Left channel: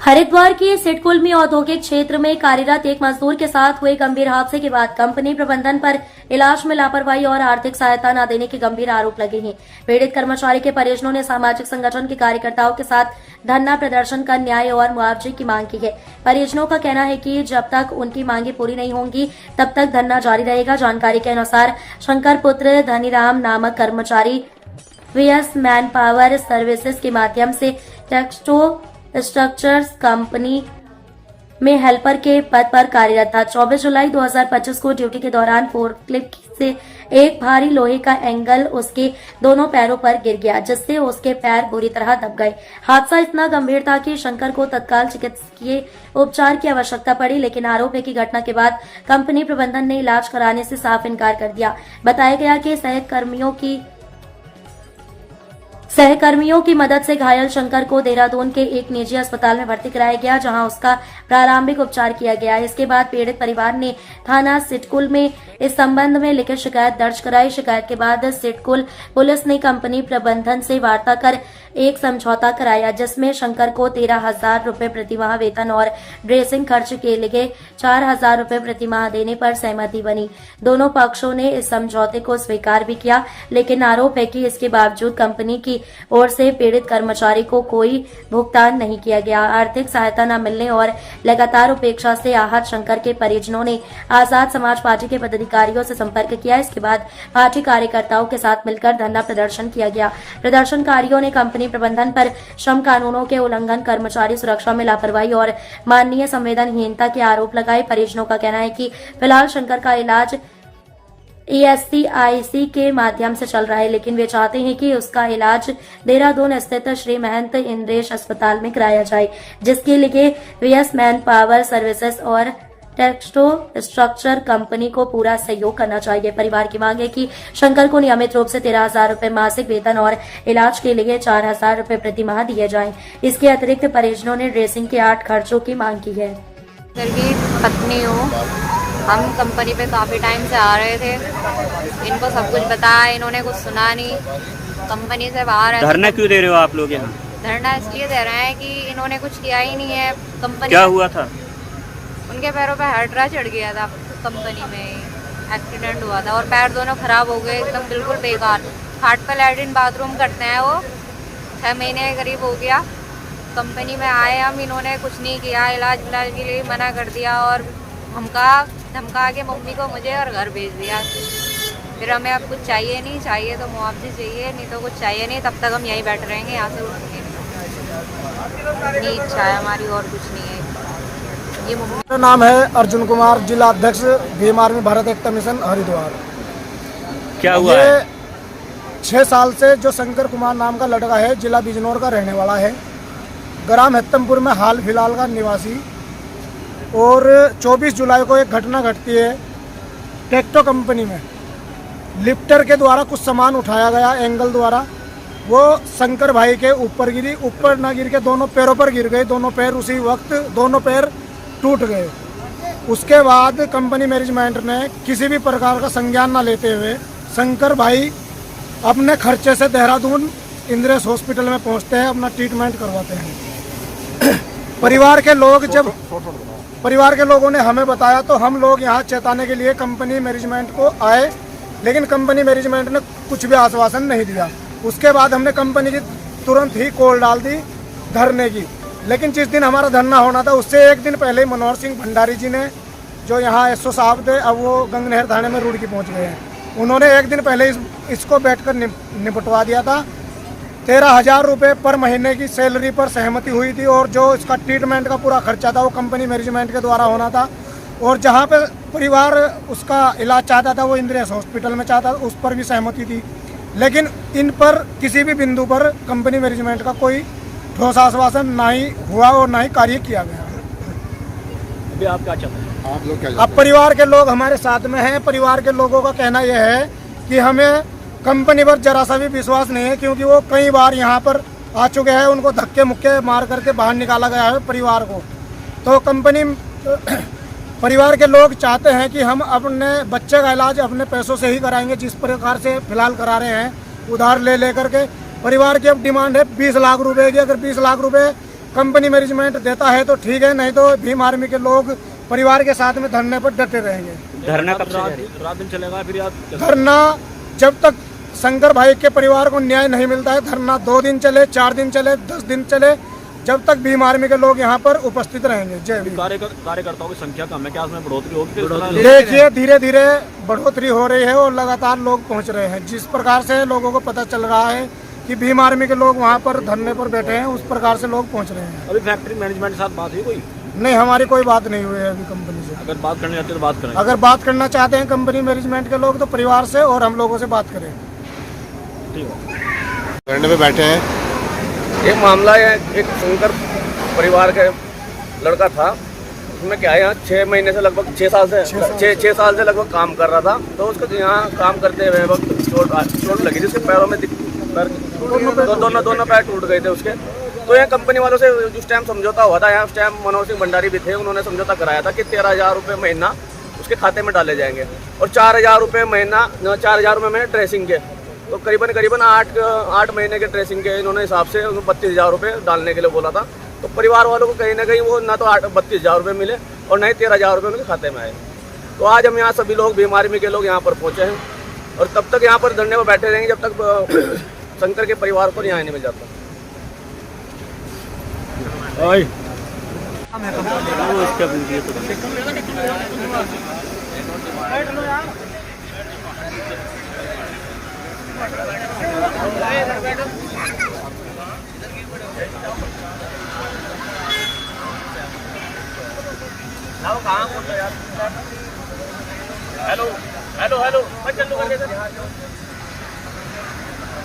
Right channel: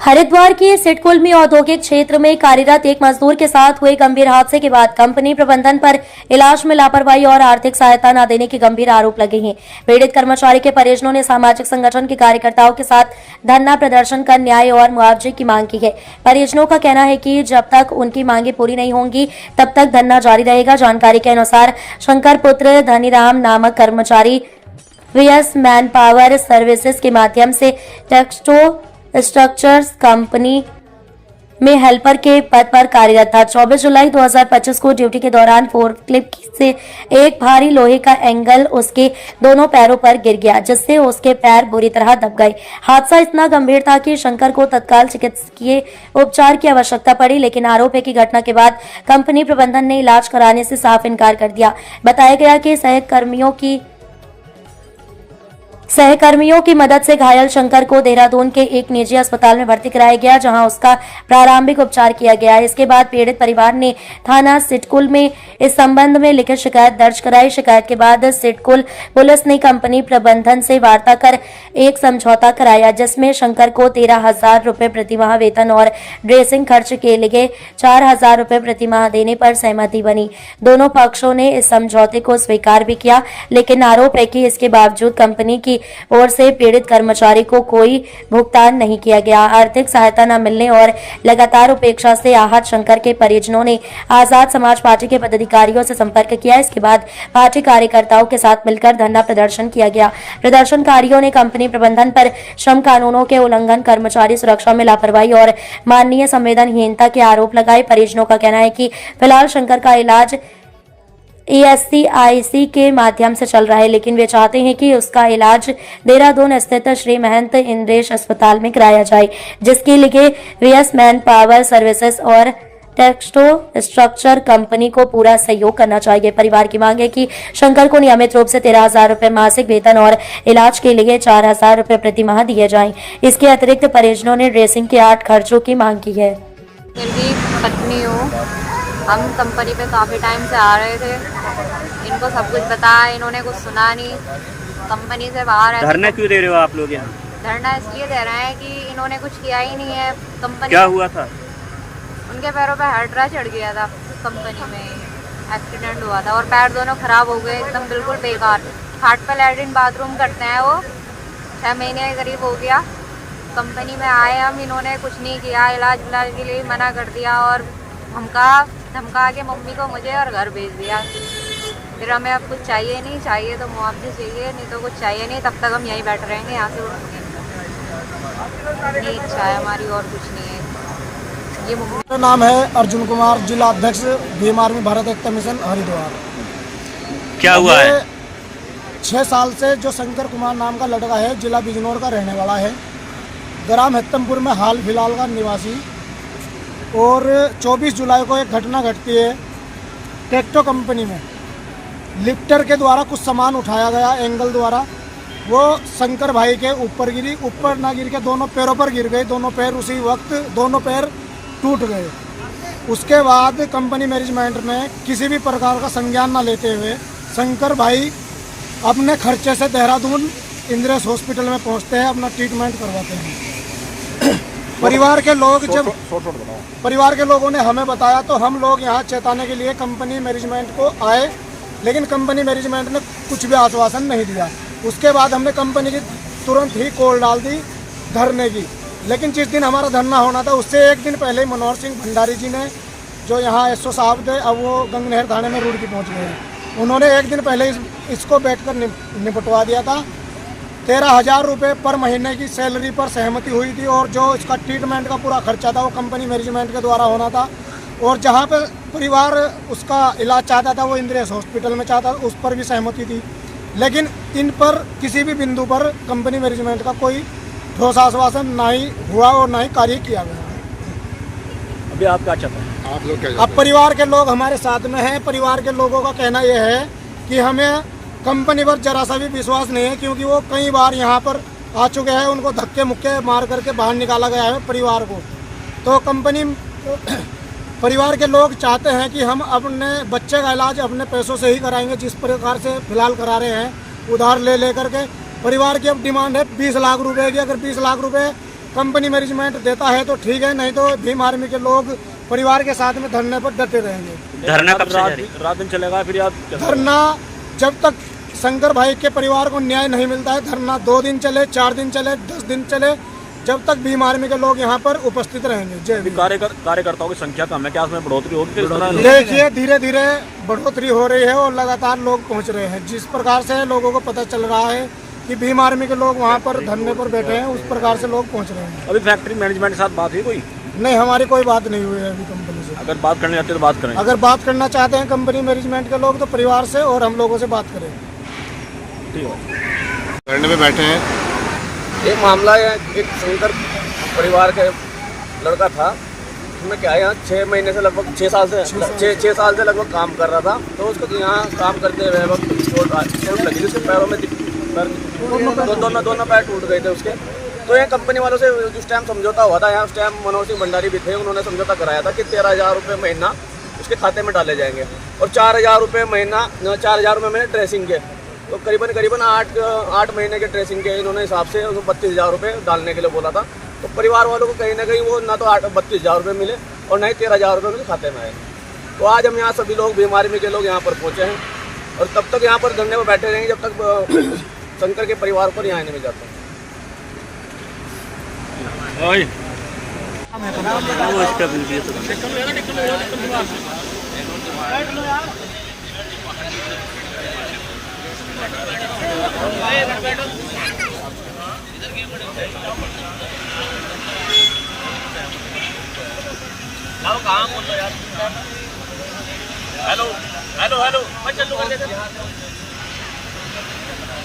हरिद्वार के सिडकुल में औद्योगिक क्षेत्र में कार्यरत एक मजदूर के साथ हुए गंभीर हादसे के बाद कंपनी प्रबंधन पर इलाज में लापरवाही और आर्थिक सहायता न देने के गंभीर आरोप लगे हैं। पीड़ित कर्मचारी के परिजनों ने सामाजिक संगठन के कार्यकर्ताओं के साथ धरना प्रदर्शन कर न्याय और मुआवजे की मांग की है। परिजनों का कहना है कि जब तक उनकी मांगे पूरी नहीं होंगी तब तक धरना जारी रहेगा। जानकारी के अनुसार शंकर पुत्र धनीराम नामक कर्मचारी वीएस मैन पावर सर्विसेज के माध्यम से टेक्सटो स्ट्रक्चर्स कंपनी में हेल्पर के पद पर कार्यरत था। 24 जुलाई 2025 को ड्यूटी के दौरान फोर्कलिफ्ट से एक भारी लोहे का एंगल उसके दोनों पैरों पर गिर गया, जिससे उसके पैर बुरी तरह दब गए। हादसा इतना गंभीर था कि शंकर को तत्काल चिकित्सकीय उपचार की आवश्यकता पड़ी, लेकिन आरोप है कि घटना के बाद कंपनी प्रबंधन ने इलाज कराने से साफ इनकार कर दिया। बताया गया कि सहकर्मियों की मदद से घायल शंकर को देहरादून के एक निजी अस्पताल में भर्ती कराया गया, जहां उसका प्रारंभिक उपचार किया गया। इसके बाद पीड़ित परिवार ने थाना सिडकुल में इस संबंध में लिखित शिकायत दर्ज कराई। शिकायत के बाद सिडकुल पुलिस ने कंपनी प्रबंधन से वार्ता कर एक समझौता कराया, जिसमें शंकर को 13,000 रुपए प्रतिमाह वेतन और ड्रेसिंग खर्च के लिए 4,000 रुपए प्रतिमाह देने पर सहमति बनी। दोनों पक्षों ने इस समझौते को स्वीकार भी किया, लेकिन आरोप है कि इसके बावजूद कंपनी की ओर से पीड़ित कर्मचारी को कोई भुगतान नहीं किया गया। आर्थिक सहायता न मिलने और लगातार उपेक्षा से आहत शंकर के परिजनों ने आजाद समाज पार्टी के पदाधिकारियों से संपर्क किया। इसके बाद पार्टी कार्यकर्ताओं के साथ मिलकर धरना प्रदर्शन किया गया। प्रदर्शनकारियों ने कंपनी प्रबंधन पर श्रम कानूनों के उल्लंघन, कर्मचारी सुरक्षा में लापरवाही और मानवीय संवेदनहीनता के आरोप लगाए। परिजनों का कहना है कि फिलहाल शंकर का इलाज ESCIC के माध्यम से चल रहा है, लेकिन वे चाहते हैं कि उसका इलाज देहरादून स्थित श्री महंत इंद्रेश अस्पताल में कराया जाए, जिसके लिए वीएस मैन पावर सर्विसेज और टेक्सटो स्ट्रक्चर कंपनी को पूरा सहयोग करना चाहिए। परिवार की मांग है कि शंकर को नियमित रूप से 13,000 रुपए मासिक वेतन और इलाज के लिए 4,000 रुपए प्रति माह दिए जाएं। इसके अतिरिक्त परिजनों ने ड्रेसिंग के 8 खर्चों की मांग की है। मेरी पत्नी हूँ, हम कंपनी पे काफ़ी टाइम से आ रहे थे। इनको सब कुछ बताया, इन्होंने कुछ सुना नहीं। कंपनी से बाहर है। धरना क्यों दे रहे हो आप लोग यहाँ? धरना इसलिए दे रहे हैं कि इन्होंने कुछ किया ही नहीं है। कंपनी क्या हुआ था? उनके पैरों पे हड्डा चढ़ गया था, कंपनी में एक्सीडेंट हुआ था और पैर दोनों खराब हो गए, एकदम बिल्कुल बेकार। खाट पर लैट्रिन बाथरूम करते हैं वो। 6 महीने करीब हो गया कंपनी में आए हम, इन्होंने कुछ नहीं किया। इलाज विलाज के लिए मना कर दिया और धमका के मम्मी को, मुझे और घर भेज दिया। फिर हमें अब कुछ चाहिए नहीं, चाहिए तो मुआवजे चाहिए, नहीं तो कुछ चाहिए नहीं। तब तक हम यहीं बैठे रहेंगे, यहाँ से उठेंगे नहीं। इच्छा है हमारी, और कुछ नहीं है। ये मम्मी। मेरा नाम है अर्जुन कुमार, जिला अध्यक्ष भीम आर्मी भारत एकता मिशन हरिद्वार। क्या हुआ है? 6 साल से जो शंकर कुमार नाम का लड़का है, जिला बिजनौर का रहने वाला है, ग्राम हेत्तमपुर में हाल फिलहाल का निवासी। और 24 जुलाई को एक घटना घटती है टेक्टो कंपनी में। लिफ्टर के द्वारा कुछ सामान उठाया गया एंगल द्वारा, वो शंकर भाई के ऊपर गिरी। ऊपर ना गिर के दोनों पैरों पर गिर गई। दोनों पैर उसी वक्त दोनों पैर टूट गए। उसके बाद कंपनी मैनेजमेंट ने किसी भी प्रकार का संज्ञान न लेते हुए शंकर भाई अपने खर्चे से देहरादून इंद्रेश हॉस्पिटल में पहुंचते हैं, अपना ट्रीटमेंट करवाते हैं। परिवार के लोगों ने हमें बताया तो हम लोग यहाँ चेताने के लिए कंपनी मैनेजमेंट को आए, लेकिन कंपनी मैनेजमेंट ने कुछ भी आश्वासन नहीं दिया। उसके बाद हमने कंपनी की तुरंत ही कॉल डाल दी धरने की। लेकिन जिस दिन हमारा धरना होना था उससे एक दिन पहले मनोहर सिंह भंडारी जी ने, जो यहाँ SO साहब थे, अब वो गंगनहर थाने में रुड़की पहुँच गए हैं, उन्होंने एक दिन पहले इसको बैठकर निपटवा दिया था। 13,000 रुपये पर महीने की सैलरी पर सहमति हुई थी और जो इसका ट्रीटमेंट का पूरा खर्चा था वो कंपनी मैनेजमेंट के द्वारा होना था। और जहाँ पे परिवार उसका इलाज चाहता था वो इंद्रेश हॉस्पिटल में चाहता, उस पर भी सहमति थी। लेकिन इन पर किसी भी बिंदु पर कंपनी मैनेजमेंट का कोई ठोस आश्वासन नहीं हुआ और ना ही कार्य किया गया। अभी आप क्या चाहते हैं? अब परिवार के लोग हमारे साथ में हैं। परिवार के लोगों का कहना यह है कि हमें कंपनी पर जरा सा भी विश्वास नहीं है, क्योंकि वो कई बार यहाँ पर आ चुके हैं। उनको धक्के मुक्के मार करके बाहर निकाला गया है परिवार को। तो परिवार के लोग चाहते हैं कि हम अपने बच्चे का इलाज अपने पैसों से ही कराएंगे, जिस प्रकार से फिलहाल करा रहे हैं उधार ले करके। परिवार की अब डिमांड है 20 लाख रुपए की। अगर 20 लाख रुपए कंपनी मैनेजमेंट देता है तो ठीक है, नहीं तो भीम आर्मी के लोग परिवार के साथ में धरने पर डटे रहेंगे। धरना कब से जारी? रात दिन चलेगा फिर आप? धरना जब तक शंकर भाई के परिवार को न्याय नहीं मिलता है, धरना 2 दिन चले, 4 दिन चले, 10 दिन चले, जब तक भीम आर्मी के लोग यहाँ पर उपस्थित रहेंगे। जय भीम। कार्यकर्ताओं की संख्या कम है, क्या उसमें बढ़ोतरी होगी? देखिए धीरे धीरे बढ़ोतरी हो रही है और लगातार लोग पहुँच रहे हैं। जिस प्रकार से लोगों को पता चल रहा है कि भीम आर्मी के लोग वहाँ पर धरने पर बैठे हैं, उस प्रकार से लोग पहुँच रहे हैं। अभी फैक्ट्री मैनेजमेंट के साथ बात हुई कोई? नहीं, हमारी कोई बात नहीं हुई है अभी कंपनी से। अगर बात करने जाते तो बात करें। अगर बात करना चाहते हैं कंपनी मैनेजमेंट के लोग तो परिवार से और हम लोगों से बात करें। ठीक है। धरने पे बैठे हैं। एक मामला है, एक शंकर परिवार का लड़का था, उसमें क्या है, यहाँ 6 महीने से लगभग 6 साल से लगभग काम कर रहा था। तो उसको यहाँ काम करते हुए वक्त चोट लगी थी उसके पैरों में, दोनों पैर टूट गए थे उसके। तो यहाँ कंपनी वालों से उस टाइम समझौता हुआ था, यहाँ उस टाइम मनोहर सिंह भंडारी भी थे, उन्होंने समझौता कराया था कि 13,000 रुपये महीना उसके खाते में डाले जाएंगे और 4,000 रुपये महीना, 4,000 रुपये महीने ड्रेसिंग के। तो करीबन 8 महीने के ड्रेसिंग के इन्होंने हिसाब से 32,000 रुपये डालने के लिए बोला था। तो परिवार वालों को कहीं ना कहीं वो ना तो 32,000 रुपये मिले और ना ही 13,000 रुपये उनके खाते में आए। तो आज हम यहाँ सभी लोग भीम आर्मी के लोग यहाँ पर पहुँचे हैं और तब तक यहाँ पर धरने पर बैठे रहेंगे जब तक शंकर के परिवार को न्याय नहीं मिल जाता। वो इसका वीडियो तो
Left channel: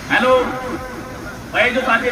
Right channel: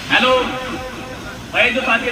हेलो भाई, जो साथी